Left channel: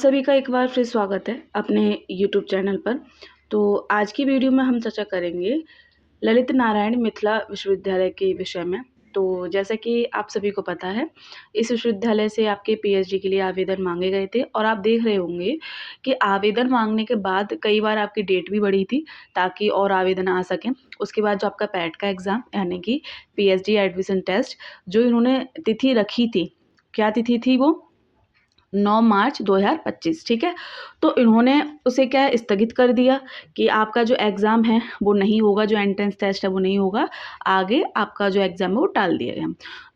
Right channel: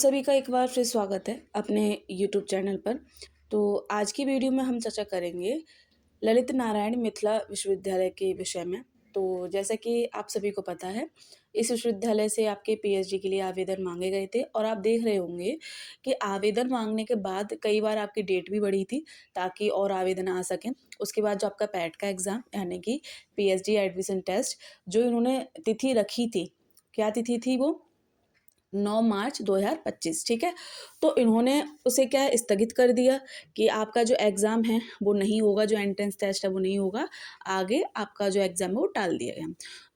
सभी का एक बार फिर स्वागत है अपने यूट्यूब चैनल पर। तो आज की वीडियो में हम चर्चा करेंगे ललित नारायण मिथिला विश्वविद्यालय के विषय में। तो जैसा कि आप सभी को पता है, इस विश्वविद्यालय से आपके पीएचडी के लिए आवेदन मांगे गए थे और आप देख रहे होंगे कि आवेदन मांगने के बाद कई बार आपकी डेट भी बढ़ी थी ताकि और आवेदन आ सकें। उसके बाद जो आपका पैट का एग्ज़ाम यानी कि पीएचडी एडमिशन टेस्ट जो इन्होंने तिथि रखी थी, क्या तिथि थी वो? 9 मार्च 2025, ठीक है। तो इन्होंने उसे क्या है, स्थगित कर दिया कि आपका जो एग्ज़ाम है वो नहीं होगा, जो एंट्रेंस टेस्ट है वो नहीं होगा, आगे आपका जो एग्ज़ाम है वो टाल दिया गया।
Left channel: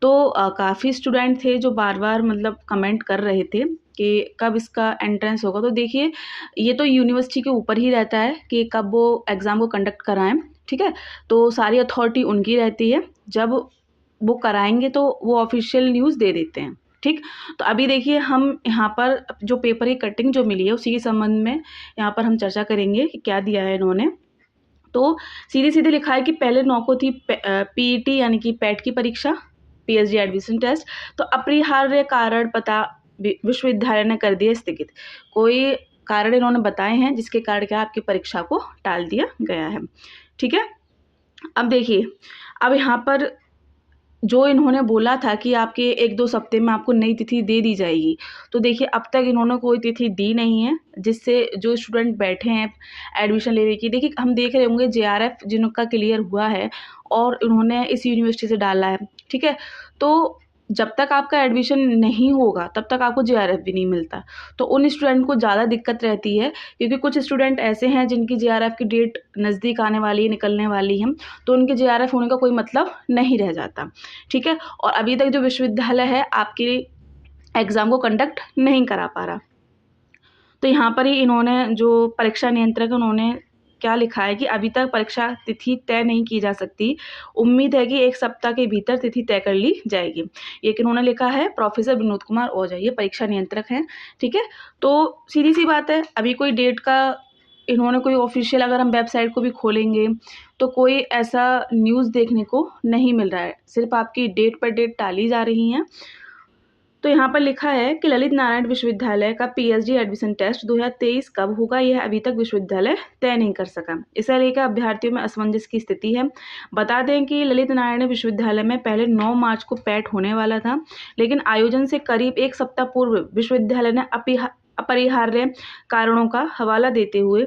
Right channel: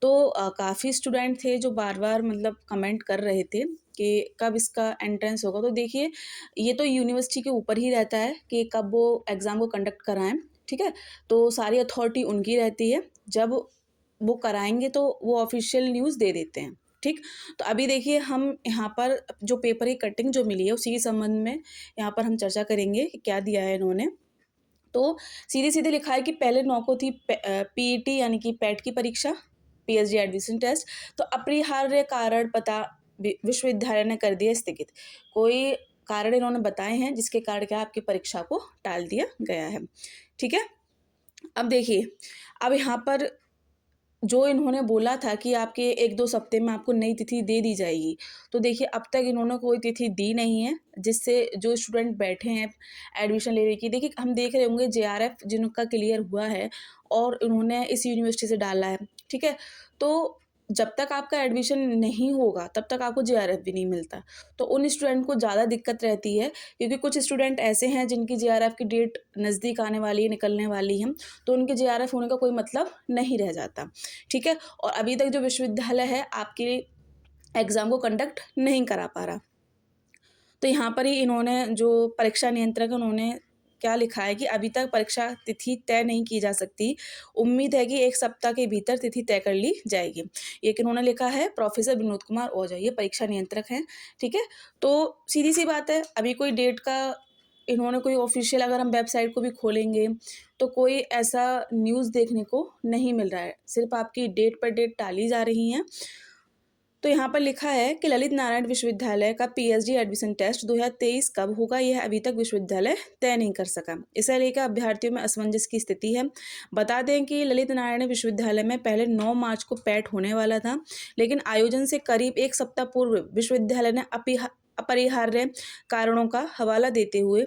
तो काफ़ी स्टूडेंट थे जो बार-बार मतलब कमेंट कर रहे थे कि कब इसका एंट्रेंस होगा। तो देखिए, ये तो यूनिवर्सिटी के ऊपर ही रहता है कि कब वो एग्ज़ाम को कंडक्ट कराएँ, ठीक है। तो सारी अथॉरिटी उनकी रहती है, जब वो कराएँगे तो वो ऑफ़िशियल न्यूज़ दे देते हैं, ठीक। तो अभी देखिए, हम यहाँ पर जो पेपर की कटिंग जो मिली है उसी के संबंध में यहाँ पर हम चर्चा करेंगे कि क्या दिया है इन्होंने। तो सीधे-सीधे लिखा है कि पहले 9 को थी पीईटी यानी कि पैट की परीक्षा, पीएचडी एडमिशन टेस्ट। तो अपरिहार्य कारण पता विश्वविद्यालय ने कर दिया स्थगित। कोई कारण इन्होंने बताए हैं जिसके कारण क्या आपकी परीक्षा को टाल दिया गया है, ठीक है। अब देखिए, अब यहाँ पर जो इन्होंने बोला था कि आपके 1-2 हफ्ते में आपको नई तिथि दे दी जाएगी, तो देखिए अब तक इन्होंने कोई तिथि दी नहीं है, जिससे जो स्टूडेंट बैठे हैं एडमिशन लेने की, देखिए हम देख रहे होंगे जेआरएफ जिनका क्लियर हुआ है और उन्होंने इस यूनिवर्सिटी से डाला है, ठीक है। तो जब तक आपका एडमिशन नहीं होगा तब तक आपको जेआरएफ भी नहीं मिलता। तो उन स्टूडेंट को ज़्यादा दिक्कत रहती है, क्योंकि कुछ स्टूडेंट ऐसे हैं जिनकी जेआरएफ की डेट नज़दीक आने वाली है, निकलने वाली है, तो उनके जेआरएफ होने का कोई मतलब नहीं रह जाता, ठीक है। और अभी तक जो विश्वविद्यालय है आपके एग्ज़ाम को कंडक्ट नहीं करा पा रहा। तो यहाँ पर ही इन्होंने जो परीक्षा नियंत्रक है उन्होंने क्या लिखा है कि अभी तक परीक्षा तिथि तय नहीं की जा सकती। उम्मीद है कि 1 सप्ताह के भीतर तिथि तय कर ली जाएगी। ये किन्होंने लिखा है, प्रोफेसर विनोद कुमार ओझा, ये परीक्षा नियंत्रक हैं, ठीक है। तो सीधी-सी बात है, अभी कोई डेट का इन्होंने कोई ऑफ़िशियल, अगर हम वेबसाइट को भी खोलेंगे तो कोई ऐसा न्यूज़ देखने को नहीं मिल रहा है। सिर्फ़ आपकी डेट पर डेट टाली जा रही हैं। तो यहाँ पर लिखा है कि ललित नारायण विश्वविद्यालय का पीएचडी एडमिशन टेस्ट 2023 कब होगा, यह अभी तक विश्वविद्यालय तय नहीं कर सका। इसे लेकर अभ्यर्थियों में असमंजस की स्थिति है। बता दें कि ललित नारायण विश्वविद्यालय में पहले 9 मार्च को पैट होने वाला था, लेकिन आयोजन से करीब 1 सप्ताह पूर्व विश्वविद्यालय ने अपरिहार्य कारणों का हवाला देते हुए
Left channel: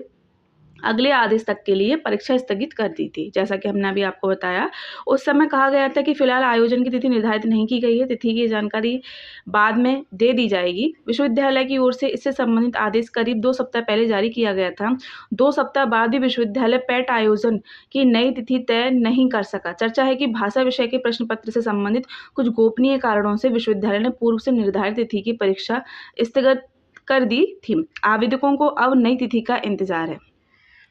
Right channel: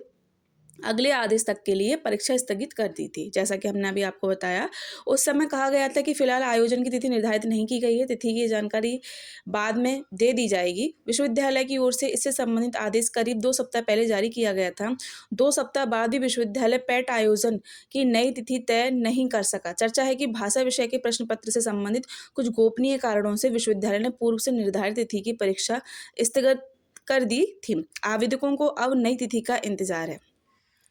अगले आदेश तक के लिए परीक्षा स्थगित कर दी थी। जैसा कि हमने अभी आपको बताया, उस समय कहा गया था कि फिलहाल आयोजन की तिथि निर्धारित नहीं की गई है, तिथि की जानकारी बाद में दे दी जाएगी। विश्वविद्यालय की ओर से इससे संबंधित आदेश करीब 2 सप्ताह पहले जारी किया गया था। 2 सप्ताह बाद भी विश्वविद्यालय पैट आयोजन की नई तिथि तय नहीं कर सका। चर्चा है कि भाषा विषय के प्रश्न पत्र से संबंधित कुछ गोपनीय कारणों से विश्वविद्यालय ने पूर्व से निर्धारित तिथि की परीक्षा स्थगित कर दी थी। आवेदकों को अब नई तिथि का इंतजार है।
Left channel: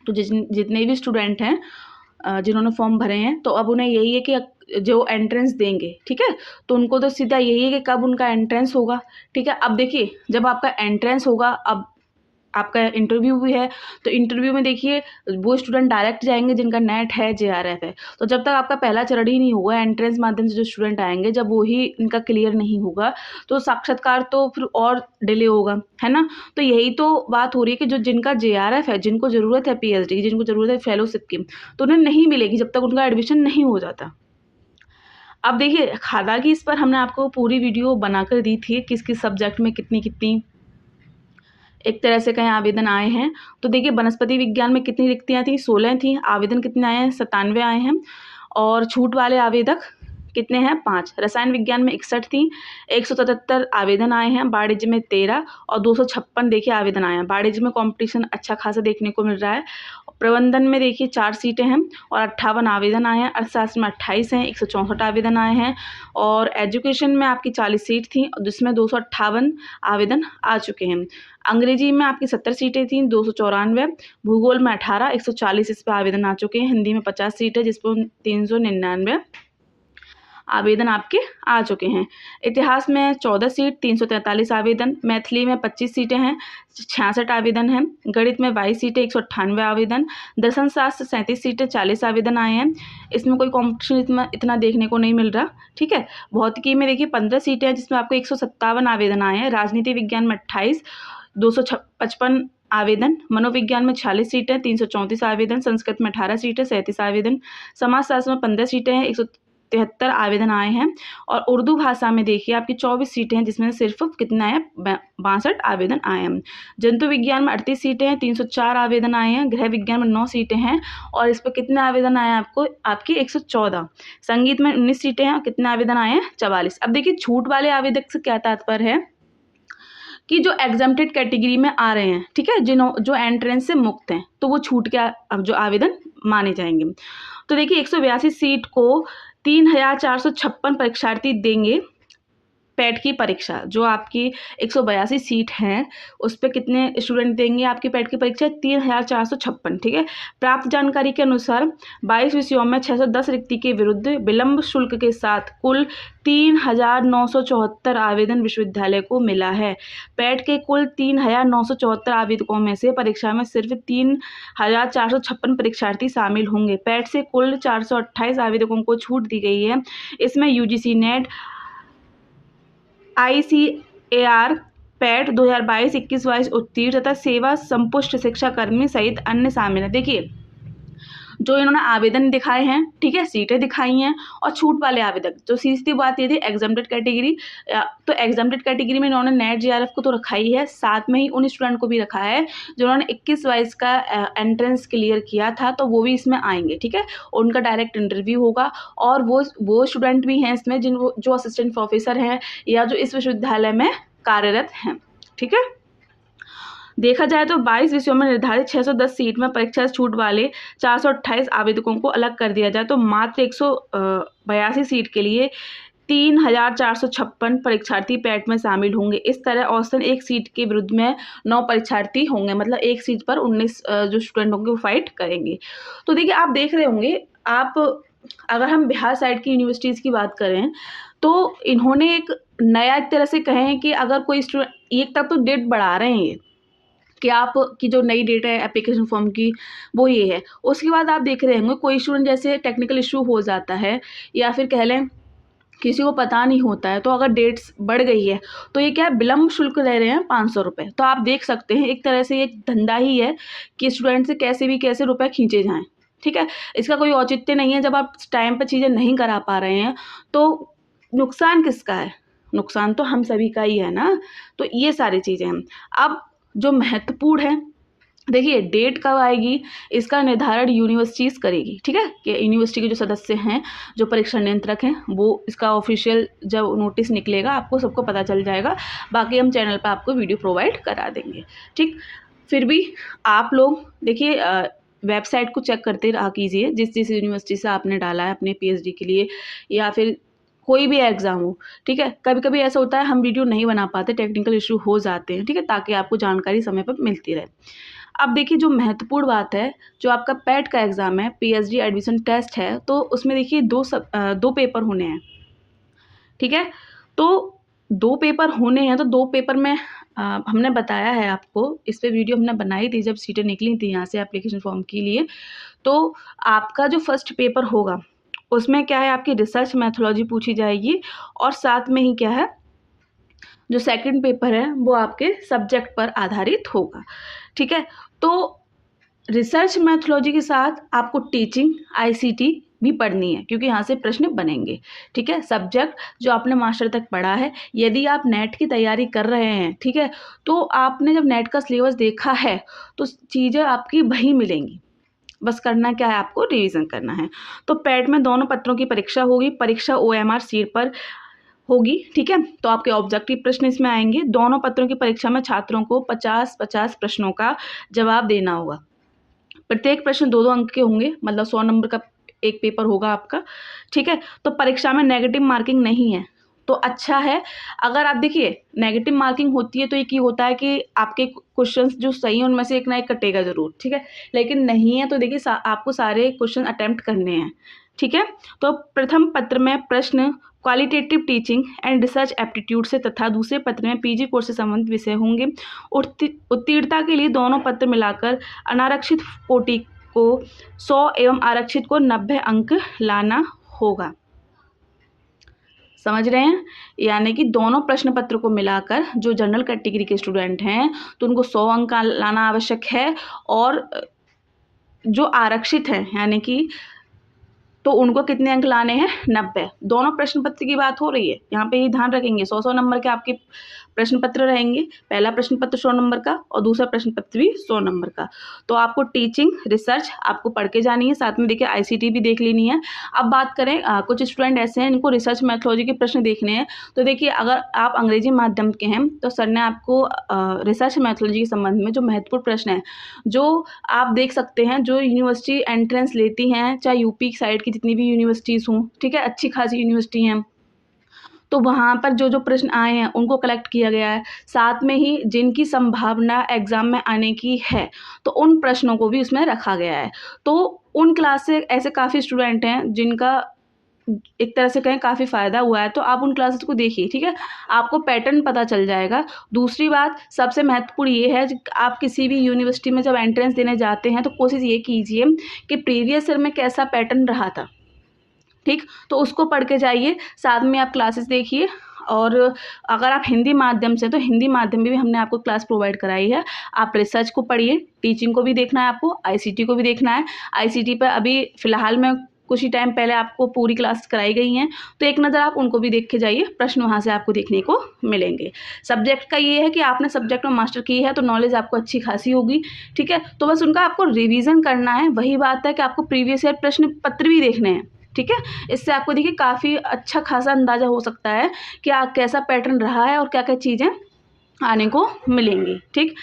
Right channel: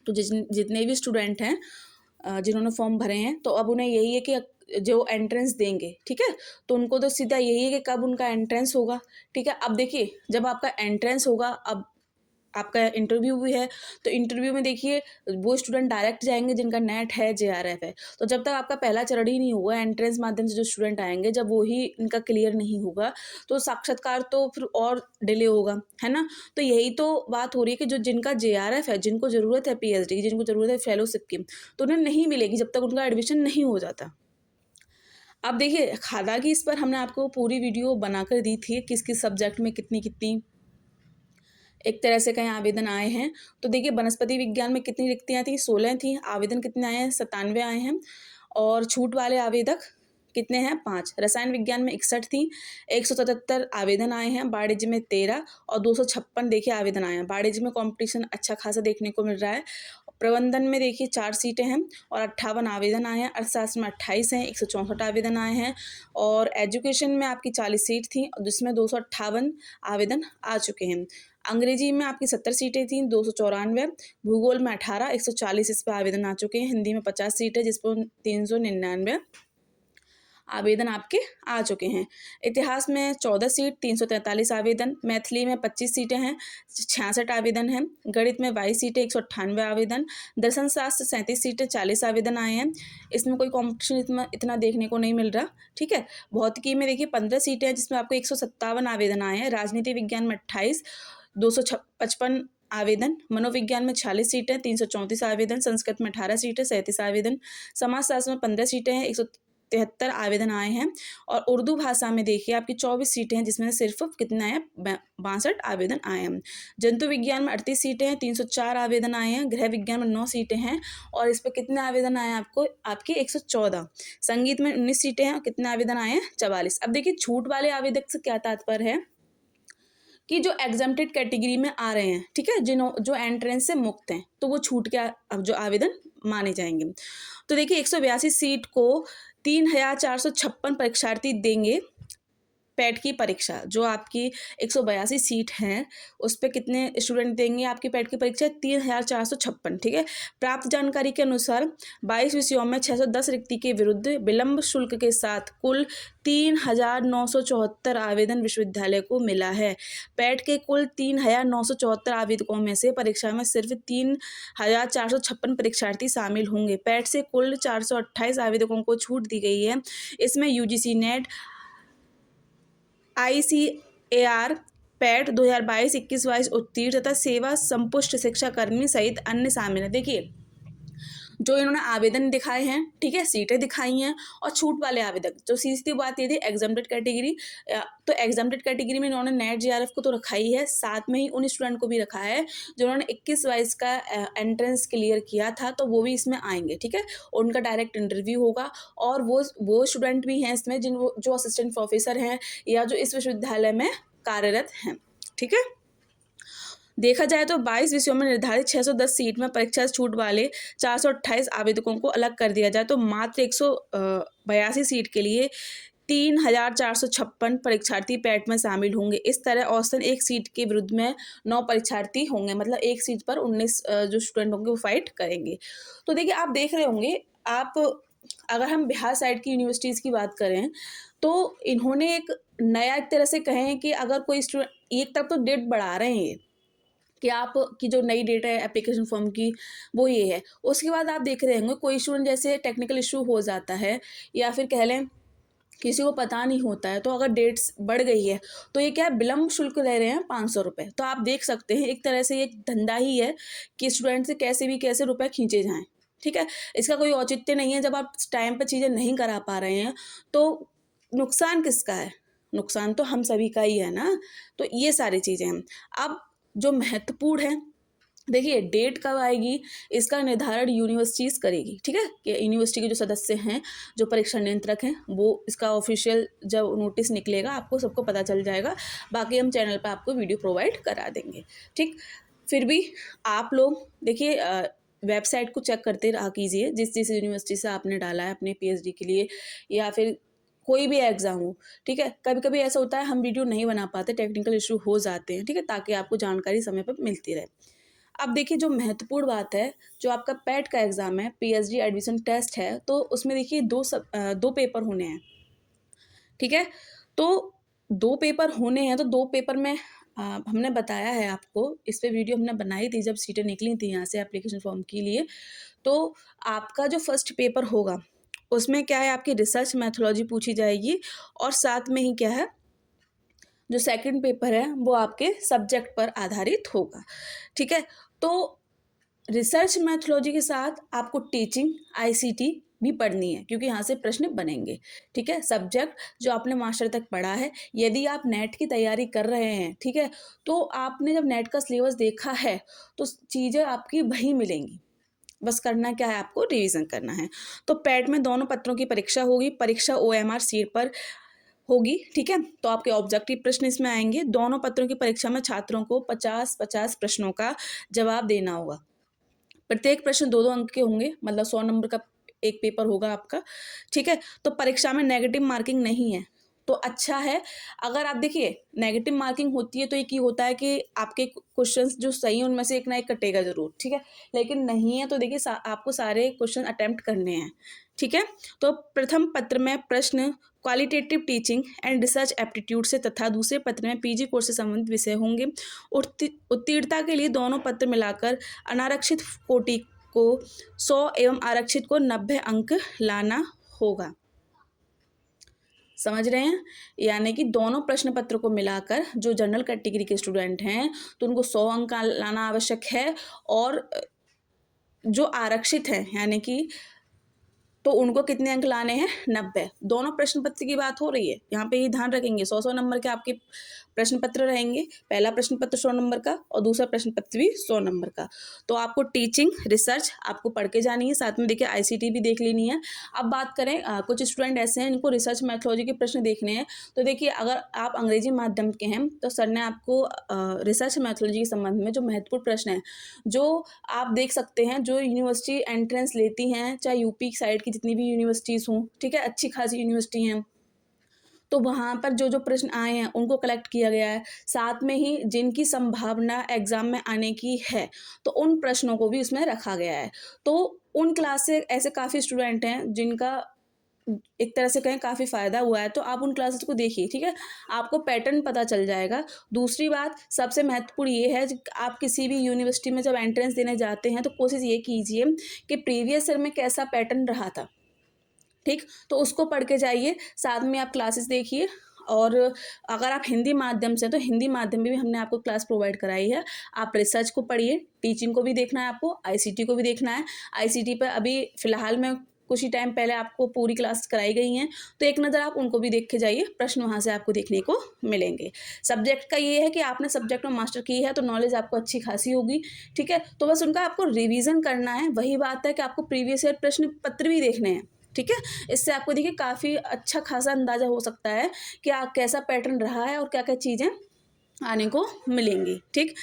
तो जितने भी स्टूडेंट हैं जिन्होंने फॉर्म भरे हैं, तो अब उन्हें यही है कि जो एंट्रेंस देंगे, ठीक है, तो उनको तो सीधा यही है कि कब उनका एंट्रेंस होगा, ठीक है। अब देखिए, जब आपका एंट्रेंस होगा, अब आपका इंटरव्यू भी है, तो इंटरव्यू में देखिए वो स्टूडेंट डायरेक्ट जाएंगे जिनका नेट है, जेआरएफ है। तो जब तक आपका पहला चरण ही नहीं होगा, एंट्रेंस माध्यम से जो स्टूडेंट आएंगे, जब वो ही इनका क्लियर नहीं होगा तो साक्षात्कार तो फिर और डिले होगा, है ना। तो यही तो बात हो रही है कि जो जिनका जेआरएफ है, जिनको ज़रूरत है पीएचडी की, जिनको ज़रूरत है फेलोशिप की, तो उन्हें नहीं मिलेगी जब तक उनका एडमिशन नहीं हो जाता। अब देखिए, हालांकि इस पर हमने आपको पूरी वीडियो बनाकर दी थी, किस किस सब्जेक्ट में कितनी कितनी एक तरह से कहीं आवेदन आए हैं। तो देखिए, वनस्पति विज्ञान में कितनी रिक्तियाँ थी, 16 थी। आवेदन कितने आए हैं, 97 आए हैं। और छूट वाले आवेदक कितने हैं, 5। रसायन विज्ञान में 61 थी, 177 आवेदन आए हैं। वाणिज्य में 13 और 256 देखिए आवेदन आए हैं। वाणिज्य में कॉम्पिटिशन अच्छा खासा देखने को मिल रहा है। प्रबंधन में देखिए 4 सीटें हैं और 58 आवेदन आए हैं। अर्थशास्त्र में 28 हैं, 164 आवेदन आए हैं। और एजुकेशन में आपकी 40 सीट थी, जिसमें 258 आवेदन आ चुके हैं। अंग्रेजी में आपकी 70 सीटें थीं, 294। भूगोल में 18, 140 इस पर आवेदन आ चुके हैं। हिंदी में 50 सीटें, जिस पर 399 आवेदन आपके आ चुके हैं। इतिहास में 14 सीट, 343 आवेदन। मैथिली में 25 सीटें हैं, 66 आवेदन हैं। गणित में 22 सीटें, 198 आवेदन। दर्शन शास्त्र 37 सीटें, 40 आवेदन आए हैं। इसमें कोई कॉम्पिटिशन इतना देखने को नहीं मिल रहा, ठीक है। भौतिकी में देखिए 15 सीटें हैं, जिसमें आपको 157 आवेदन आए हैं। राजनीति विज्ञान में 28, 255 आवेदन, मनोविज्ञान में 46 सीटें, 334 आवेदन, संस्कृत में 18 सीटें, 37 आवेदन, समाजशास्त्र में 15 सीटें हैं, 173 आवेदन आए हैं, और उर्दू भाषा में देखिए आपकी 24 सीटें हैं, जिसमें सिर्फ कितना है 62 आवेदन आए हैं। जंतु विज्ञान में 38 सीटें हैं, 304 आवेदन आए हैं। गृह विज्ञान में 9 सीटें हैं और इस पर कितने आवेदन आए हैं आपको, आपके 114। संगीत में 19 सीटें हैं और कितने आवेदन आए हैं 44। अब देखिए छूट वाले आवेदक से क्या तात्पर्य है कि जो एग्जाम्प्टेड कैटेगरी में आ रहे हैं, ठीक है, जो एंट्रेंस से मुक्त हैं, तो वो छूट के अब जो आवेदन माने जाएंगे। तो देखिए 182 सीट को 3456 परीक्षार्थी देंगे। पैट की परीक्षा जो आपकी 182 सीट है उस पर कितने स्टूडेंट देंगे आपकी पैट की परीक्षा 3456, ठीक है। प्राप्त जानकारी के अनुसार 22 विषयों में 610 रिक्ति के विरुद्ध विलंब शुल्क के साथ कुल 3974 आवेदन विश्वविद्यालय को मिला है। पैट के कुल 3974 आवेदकों में से परीक्षा में सिर्फ 3456 परीक्षार्थी शामिल होंगे। पैट से कुल 428 आवेदकों को छूट दी गई है। इसमें यूजीसी नेट, ICAR, पैट 2022-21 उत्तीर्ण तथा सेवा संपुष्ट शिक्षा कर्मी सहित अन्य शामिल है। देखिए जो इन्होंने आवेदन दिखाए हैं, ठीक है, सीटें दिखाई हैं, और छूट वाले आवेदक जो सीधी बात ये थी एग्जाम्प्टेड कैटेगरी, तो एग्जाम्प्टेड कैटेगरी में इन्होंने नेट JRF को तो रखा ही है, साथ में ही उन स्टूडेंट को भी रखा है जिन्होंने 21-22 का एंट्रेंस क्लियर किया था, तो वो भी इसमें आएंगे, ठीक है। उनका डायरेक्ट इंटरव्यू होगा और वो स्टूडेंट भी हैं इसमें जो असिस्टेंट प्रोफेसर हैं या जो इस विश्वविद्यालय में कार्यरत हैं, ठीक है। देखा जाए तो 22 विषयों में निर्धारित 610 सीट में परीक्षा छूट वाले 428 आवेदकों को अलग कर दिया जाए तो मात्र 182 सीट के लिए 3456 परीक्षार्थी पैट में शामिल होंगे। इस तरह औसतन एक सीट के विरुद्ध में 9 परीक्षार्थी होंगे, मतलब एक सीट पर 19 जो स्टूडेंट होंगे वो फाइट करेंगे। तो देखिए आप देख रहे होंगे, आप अगर हम बिहार साइड की यूनिवर्सिटीज़ की बात करें तो इन्होंने एक नया एक तरह से कहें कि अगर कोई स्टूडेंट, एक तरफ तो डेट बढ़ा रहे हैं कि आप की जो नई डेट है एप्लीकेशन फॉर्म की वो ये है, उसके बाद आप देख रहे होंगे कोई स्टूडेंट जैसे टेक्निकल इशू हो जाता है या फिर कह लें किसी को पता नहीं होता है, तो अगर डेट्स बढ़ गई है तो ये क्या है विलम्ब शुल्क ले रहे हैं 500 रुपये। तो आप देख सकते हैं एक तरह से एक धंधा ही है कि स्टूडेंट से कैसे रुपए खींचे जाएँ, ठीक है। इसका कोई औचित्य नहीं है। जब आप टाइम पर चीज़ें नहीं करा पा रहे हैं तो नुकसान किसका है, नुकसान तो हम सभी का ही है ना। तो ये सारी चीज़ें हैं। अब जो महत्वपूर्ण है, देखिए डेट कब आएगी इसका निर्धारण यूनिवर्सिटीज़ करेगी, ठीक है, कि यूनिवर्सिटी के जो सदस्य हैं, जो परीक्षा नियंत्रक हैं, वो इसका ऑफिशियल जब नोटिस निकलेगा आपको सबको पता चल जाएगा। बाकी हम चैनल पर आपको वीडियो प्रोवाइड करा देंगे, ठीक। फिर भी आप लोग देखिए वेबसाइट को चेक करते रहा कीजिए, जिस यूनिवर्सिटी से आपने डाला है अपने PhD के लिए या फिर कोई भी एग्ज़ाम हो, ठीक है। कभी कभी ऐसा होता है हम वीडियो नहीं बना पाते, टेक्निकल इशू हो जाते हैं, ठीक है, ताकि आपको जानकारी समय पर मिलती रहे। अब देखिए जो महत्वपूर्ण बात है, जो आपका पैट का एग्ज़ाम है, PhD एडमिशन टेस्ट है, तो उसमें देखिए दो पेपर होने हैं, ठीक है। तो 2 पेपर होने हैं, तो 2 पेपर में हमने बताया है आपको, इस पर वीडियो हमने बनाई थी जब सीटें निकली थी यहाँ से एप्लीकेशन फॉर्म के लिए। तो आपका जो फर्स्ट पेपर होगा उसमें क्या है आपकी रिसर्च मैथोलॉजी पूछी जाएगी और साथ में ही क्या है जो सेकंड पेपर है वो आपके सब्जेक्ट पर आधारित होगा, ठीक है। तो रिसर्च मैथोलॉजी के साथ आपको टीचिंग ICT भी पढ़नी है क्योंकि यहाँ से प्रश्न बनेंगे, ठीक है। सब्जेक्ट जो आपने मास्टर तक पढ़ा है, यदि आप नेट की तैयारी कर रहे हैं, ठीक है, तो आपने जब नेट का सिलेबस देखा है तो चीज़ें आपकी वही मिलेंगी, बस करना क्या है आपको रिवीजन करना है। तो पैट में दोनों पत्रों की परीक्षा होगी, परीक्षा OMR सीट पर होगी, ठीक है। तो आपके ऑब्जेक्टिव प्रश्न इसमें आएंगे। दोनों पत्रों की परीक्षा में छात्रों को 50-50 प्रश्नों का जवाब देना होगा। प्रत्येक प्रश्न 2-2 अंक के होंगे, मतलब 100 नंबर का एक पेपर होगा आपका, ठीक है। तो परीक्षा में नेगेटिव मार्किंग नहीं है, तो अच्छा है। अगर आप देखिए नेगेटिव मार्किंग होती है तो एक ये होता है कि आपके क्वेश्चंस जो सही हैं उनमें से एक ना एक कटेगा जरूर, ठीक है। लेकिन नहीं है तो देखिए आपको सारे क्वेश्चन अटेम्प्ट करने हैं, ठीक है। तो प्रथम पत्र में प्रश्न qualitative teaching and research aptitude से तथा दूसरे पत्र में PG कोर्स से संबंधित विषय होंगे। उत्तीर्णता के लिए दोनों पत्र मिलाकर अनारक्षित कोटि को 100 एवं आरक्षित को 90 अंक लाना होगा। समझ रहे हैं? यानी कि दोनों प्रश्न पत्र को मिलाकर जो जनरल कैटेगरी के स्टूडेंट हैं तो उनको 100 अंक का लाना आवश्यक है, और जो आरक्षित हैं यानी कि तो उनको कितने अंक लाने हैं? 90। दोनों प्रश्न पत्र की बात हो रही है, यहाँ पे ये ध्यान रखेंगे 100-100 नंबर के आपके प्रश्न पत्र रहेंगे। पहला प्रश्न पत्र 100 नंबर का और दूसरा प्रश्न पत्र भी 100 नंबर का। तो आपको टीचिंग रिसर्च आपको पढ़ के जानी है, साथ में देखिए आईसीटी भी देख लेनी है। अब बात करें कुछ स्टूडेंट ऐसे हैं जिनको रिसर्च मैथोलॉजी के प्रश्न देखने हैं। तो देखिए अगर आप अंग्रेजी माध्यम के हैं तो सर ने आपको रिसर्च मैथोलॉजी के संबंध में जो महत्वपूर्ण प्रश्न है जो आप देख सकते हैं, जो यूनिवर्सिटी एंट्रेंस लेती हैं, चाहे यूपी साइड की जितनी भी यूनिवर्सिटीज़ हों, ठीक है, अच्छी खासी यूनिवर्सिटी हैं, तो वहाँ पर जो जो प्रश्न आए हैं उनको कलेक्ट किया गया है। साथ में ही जिनकी संभावना एग्ज़ाम में आने की है तो उन प्रश्नों को भी उसमें रखा गया है। तो उन क्लास से ऐसे काफ़ी स्टूडेंट हैं जिनका एक तरह से कहें काफ़ी फ़ायदा हुआ है, तो आप उन क्लासेस को देखिए, ठीक है, आपको पैटर्न पता चल जाएगा। दूसरी बात सबसे महत्वपूर्ण ये है आप किसी भी यूनिवर्सिटी में जब एंट्रेंस देने जाते हैं तो कोशिश ये कीजिए कि प्रीवियस ईयर में कैसा पैटर्न रहा था, ठीक, तो उसको पढ़ के जाइए, साथ में आप क्लासेस देखिए। और अगर आप हिंदी माध्यम से, तो हिंदी माध्यम में भी हमने आपको क्लास प्रोवाइड कराई है। आप रिसर्च को पढ़िए, टीचिंग को भी देखना है आपको, आईसीटी को भी देखना है। आईसीटी पर अभी फ़िलहाल में कुछ ही टाइम पहले आपको पूरी क्लास कराई गई हैं, तो एक नज़र आप उनको भी देख के जाइए, प्रश्न वहाँ से आपको देखने को मिलेंगे। सब्जेक्ट का ये है कि आपने सब्जेक्ट में मास्टर की है तो नॉलेज आपको अच्छी खासी होगी, ठीक है, तो बस उनका आपको रिवीजन करना है। वही बात है कि आपको प्रीवियस ईयर प्रश्न पत्र भी देखने हैं, ठीक है, इससे आपको देखिए काफ़ी अच्छा खासा अंदाज़ा हो सकता है कि कैसा पैटर्न रहा है और क्या क्या चीज़ें आने को मिलेंगी, ठीक।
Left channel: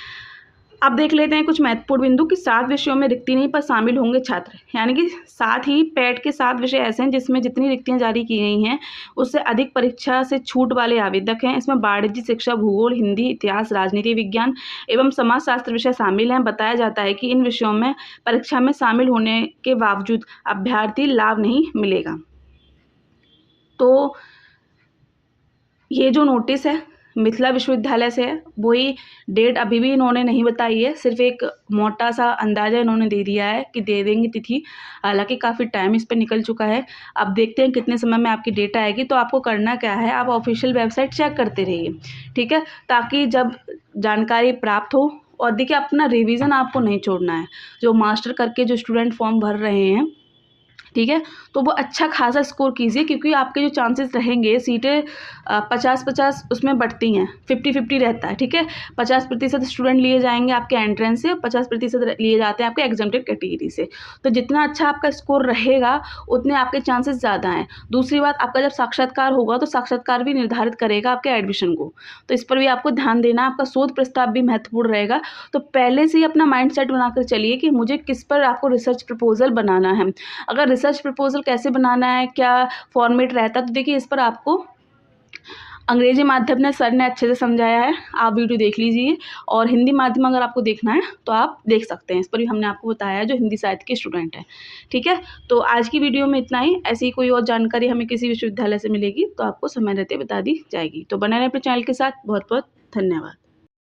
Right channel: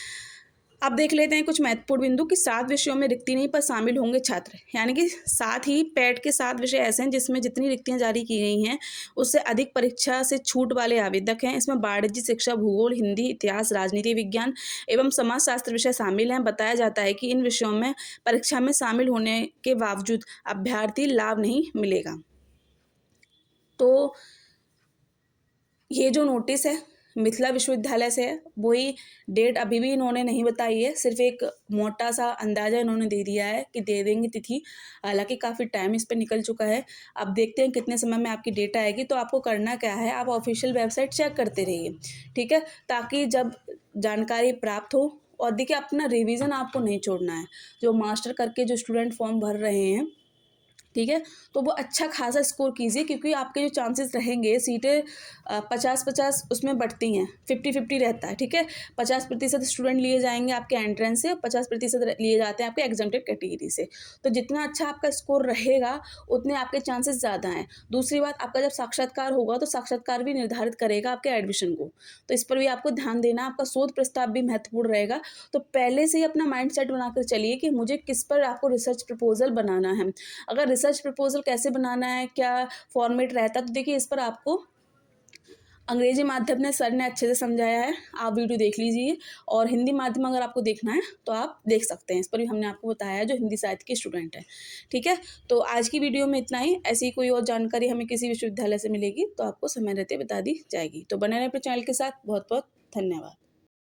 अब देख लेते हैं कुछ महत्वपूर्ण बिंदु कि 7 विषयों में रिक्ति नहीं पर शामिल होंगे छात्र, यानी कि 7 ही पैट के 7 विषय ऐसे हैं जिसमें जितनी रिक्तियां जारी की गई हैं उससे अधिक परीक्षा से छूट वाले आवेदक हैं। इसमें वाणिज्य शिक्षा, भूगोल, हिंदी, इतिहास, राजनीति विज्ञान एवं समाजशास्त्र विषय शामिल हैं। बताया जाता है कि इन विषयों में परीक्षा में शामिल होने के बावजूद अभ्यर्थी लाभ नहीं मिलेगा। तो ये जो नोटिस है मिथिला विश्वविद्यालय से है, वही डेट अभी भी इन्होंने नहीं बताई है, सिर्फ एक मोटा सा अंदाज़ा इन्होंने दे दिया है कि दे देंगे तिथि। हालांकि काफ़ी टाइम इस पर निकल चुका है। अब देखते हैं कितने समय में आपकी डेट आएगी। तो आपको करना क्या है, आप ऑफिशियल वेबसाइट चेक करते रहिए, ठीक है, ताकि जब जानकारी प्राप्त हो, और देखिए अपना रिविज़न आपको नहीं छोड़ना है। जो मास्टर करके जो स्टूडेंट फॉर्म भर रहे हैं, ठीक है, तो वो अच्छा खासा स्कोर कीजिए, क्योंकि आपके जो चांसेस रहेंगे सीटें 50-50 उसमें बढ़ती हैं, 50-50 रहता है, ठीक है, 50% स्टूडेंट लिए जाएंगे आपके एंट्रेंस से, 50% लिए जाते हैं आपके एग्जाम्प्टेड कैटेगरी से। तो जितना अच्छा आपका स्कोर रहेगा उतने आपके चांसेस ज़्यादा हैं। दूसरी बात, आपका जब साक्षात्कार होगा तो साक्षात्कार भी निर्धारित करेगा आपके एडमिशन को, तो इस पर भी आपको ध्यान देना। आपका शोध प्रस्ताव भी महत्वपूर्ण रहेगा, तो पहले से ही अपना माइंड सेट बनाकर चलिए कि मुझे किस पर आपको रिसर्च प्रपोजल बनाना है। अगर रिसर्च प्रपोजल कैसे बनाना है, क्या फॉर्मेट रहता है, तो देखिए इस पर आपको अंग्रेजी माध्यम ने सर ने अच्छे से समझाया है, आप वीडियो देख लीजिए। और हिंदी माध्यम अगर आपको देखना है तो आप देख सकते हैं, इस पर भी हमने आपको बताया है जो हिंदी साहित्य के स्टूडेंट हैं, ठीक है। तो आज की वीडियो में इतना ही। ऐसी कोई और जानकारी हमें किसी विश्वविद्यालय से मिलेगी तो आपको समय रहते बता दी जाएगी। तो बने रहें अपने चैनल के साथ। बहुत बहुत धन्यवाद।